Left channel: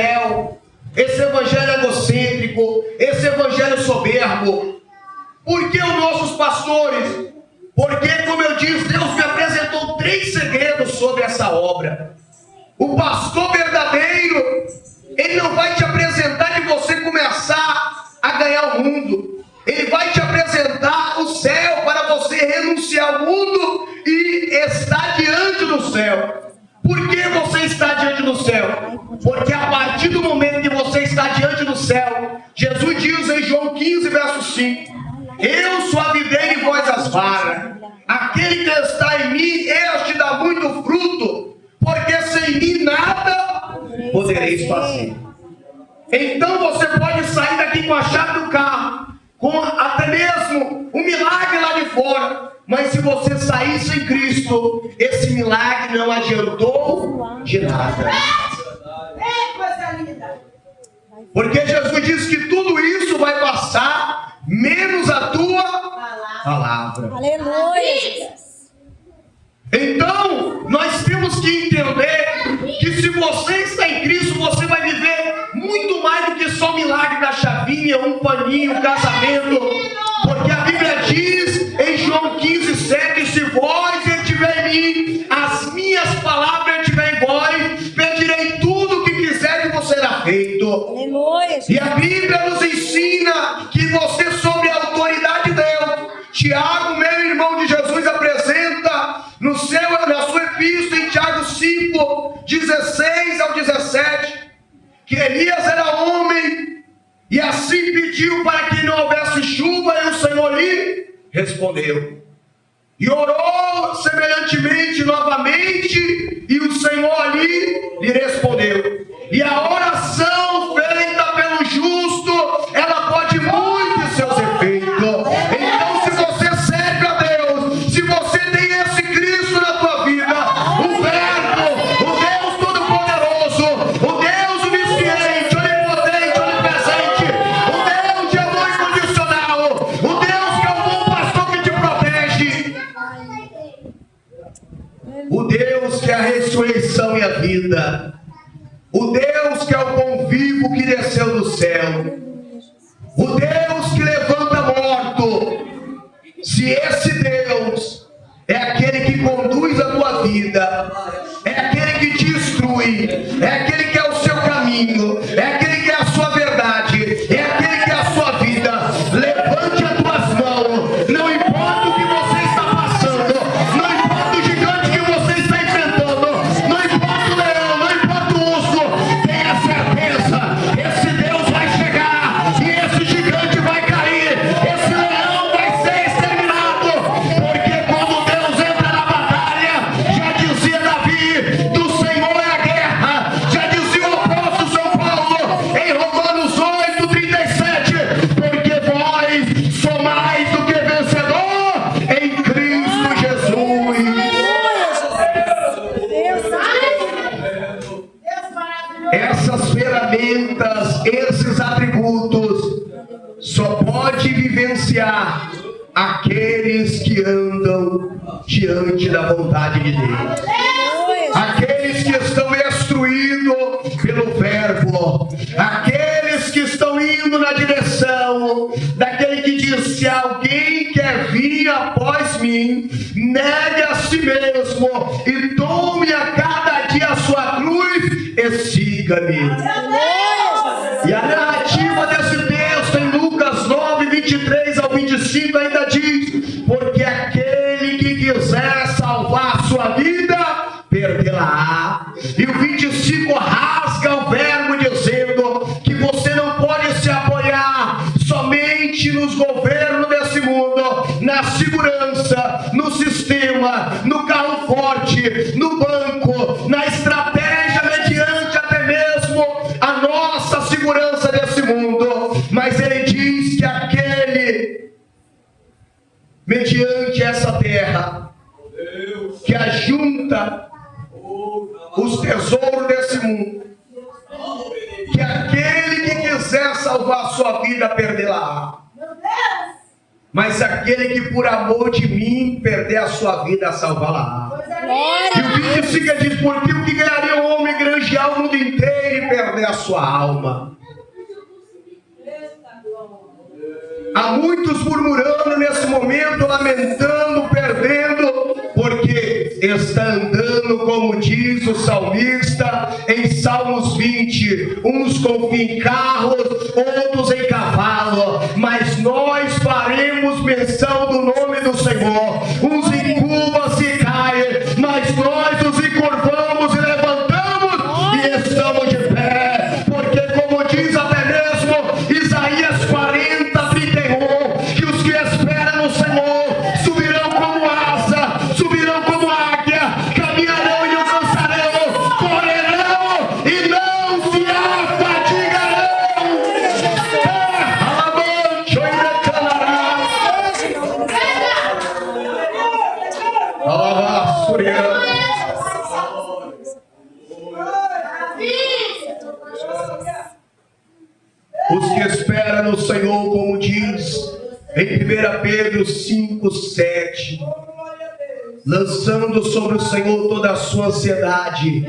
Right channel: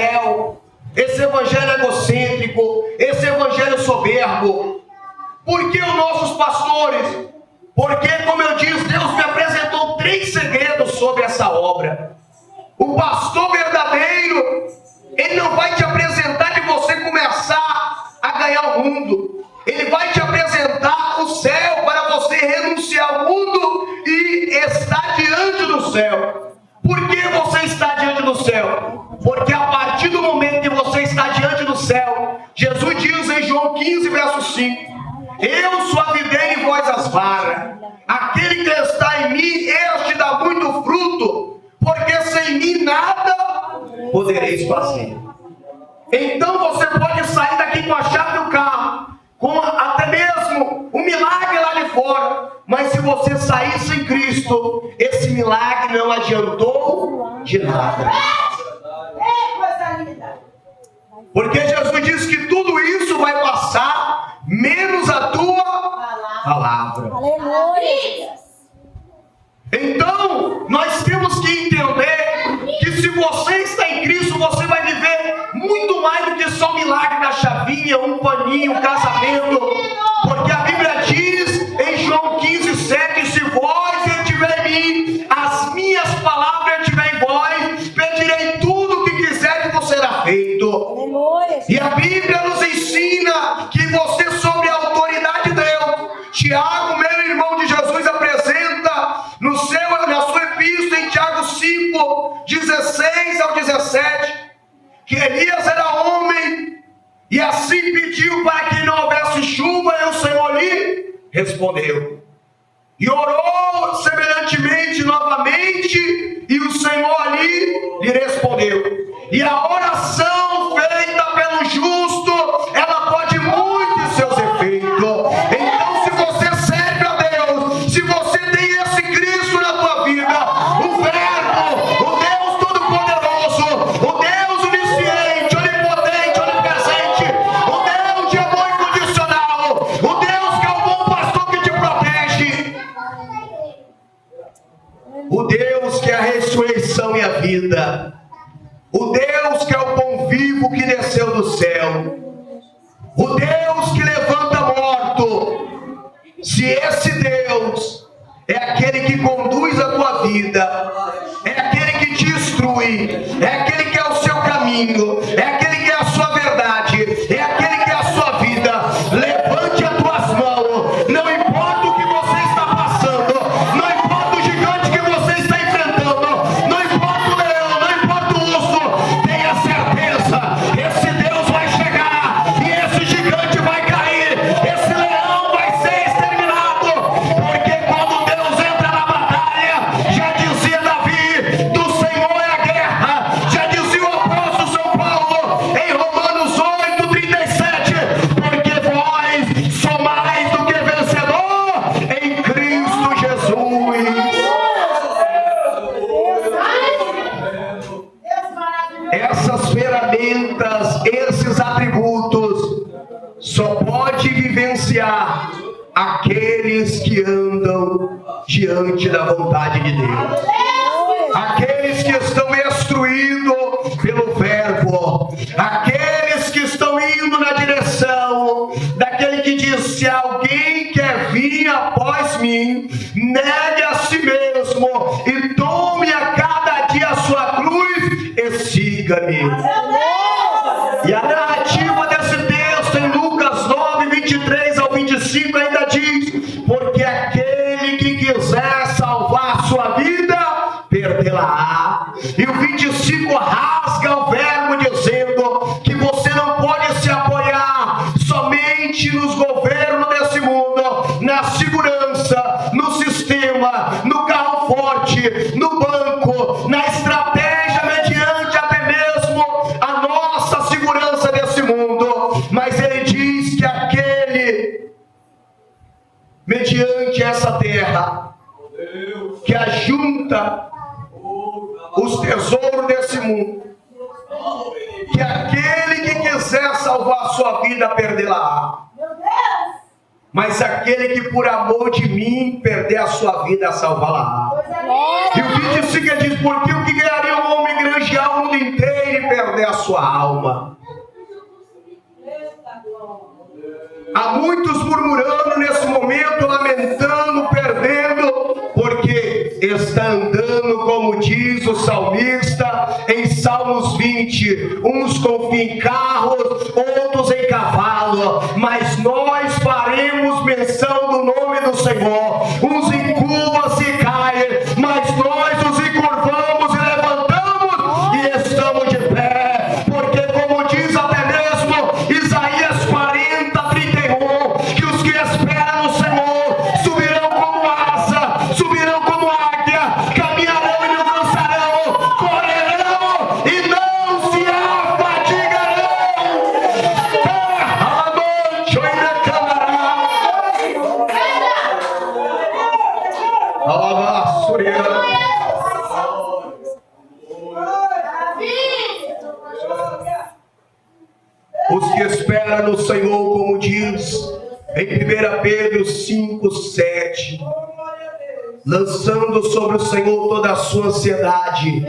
cruel, esse evangelho egocêntrico, esse evangelho soberbo. Por que os nossos pastores? Porque, como eu disse, Deus me apresentou 3 segredos sobre essa obra. O pastor verdadeiro, ele não vai te apresentar de você começar a ganhar o mundo. Ele vai te apresentar o céu para você renunciar ao mundo e estar diante do céu. Por que você está diante do céu? Porque a partir do momento que você está diante do céu, Jesus diz em João 15, verso 5: eu sou a videira e vós as varas. Aquele que está em mim, este dá muito fruto, porque sem mim nada podereis fazer. Então você pode sair daqui com a chave do carro, com até mesmo um milagre lá de fora, mas se você sair sem Cristo, esse milagre não adiantou de nada. Porque Jesus disse que tudo isso vai passar, menos a tua palavra. Aleluia. Então, nós temos que entender que se você está em Cristo, você vai viver muito mais do que só um milagre da chavinha, um paninho, um casamento. Porque a Bíblia diz em João 15, 7: se vós estiver em mim, as minhas palavras estiverem em vós, pedirei tudo o que quiser e vos será feito. Aleluia. E a Bíblia nos ensina que você, sobre a autoridade de Deus, Tiago, meu irmão de Jesus, apresenta na sua epístola em Tiago 5, 16 ao 17, que Elias era homem e assim pediu para que não houvesse chuva, e o Senhor lhe respondeu. E orou semelhantemente novamente, e o Senhor lhe respondeu. E a oração feita pelo justo, ela pode muito em seus efeitos. Então, se você serve a Deus, se você tem esse Cristo na tua vida, o Verbo, o Deus Todo-Poderoso, o Deus Onisciente, Onipotente, Onipresente, o Deus de amor incondicional, o Deus que é o bom pastor que te protege, o Deus que é a ressurreição e a vida, o Deus que é o pão vivo que desceu do céu, o Deus que levanta morto. Se esse Deus é aquele que conduz a tua vida, é aquele que te instrui, é aquele que é o seu caminho, é aquele que é a sua verdade, é aquele que é a sua vida, levante as tuas mãos. Não importa o que você está passando, não importa o gigante que você está enfrentando, não importa o leão, não importa o urso, tenha certeza, esse Deus vai chegar e esse gigante vai cair, esse leão vai ser exterminado. Porque quando Deus entra na batalha, já dizia Davi, do Senhor é a guerra, já dizia o apóstolo São Paulo em Romanos 8, 37, porque vós sois mais do que vencedor em Cristo Jesus. Essas ferramentas, esses atributos, só pode vivenciar aqueles que andam diante da vontade de Deus, aqueles que estão instruídos pelo Verbo, aqueles que estão indo na direção daquele que diz: se alguém quer vir após mim, negue a si mesmo e tome a cada dia a sua cruz e siga-me. E a narrativa desse texto em Lucas 9, 23 ao 25 ainda diz: porque aquele que quiser salvar a sua vida, perdê-la-á. E o 25 rasga o verbo dizendo que você não pode se apoiar somente nos governos desse mundo, na segurança, no sistema, no carro forte, no banco, na estratégia mediante até mesmo a nossa segurança desse mundo. Mas ele diz que aquele mediante essa terra que ajunta os tesouros desse mundo, que aquele que quiser salvar a sua vida, perdê-la-á. Mas aquele que por amor de mim perder a sua vida, salvá-la-á. E o 25 diz: porque o que ganharia o homem granjear o mundo inteiro e perder a sua alma. Há muitos murmurando nesse momento, lamentando, perdendo, porque está andando, como diz o salmista em Salmos 20, uns confiam em carros, outros em cavalo, mas nós faremos menção do nome do Senhor. Uns encurvam-se e caem, mas nós nos encurvamos e levantamos e estamos de pé, porque como diz até mesmo Isaías 40:31, que os que esperam no Senhor subirão como asa, subirão como águia, caminharão e não cansarão, correrão e não se afadigarão. Os que esperam no Senhor, como diz em 1 Pedro 5:7, lançando sobre o Senhor toda a sua ansiedade,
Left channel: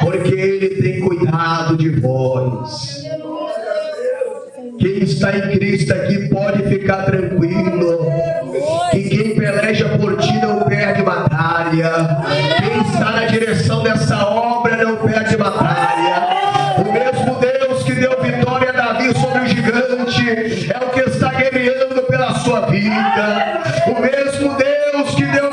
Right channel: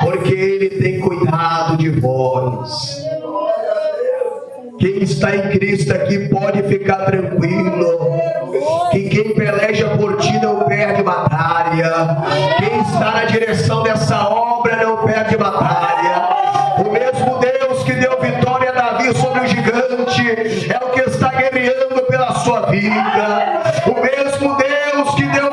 porque Ele tem cuidado de vós. Quem está em Cristo aqui pode ficar tranquilo, que quem peleja por ti não perde batalha. Quem está na direção dessa obra não perde batalha. O mesmo Deus que deu vitória a Davi sobre o gigante é o que está guerreando pela sua vida. O mesmo Deus que deu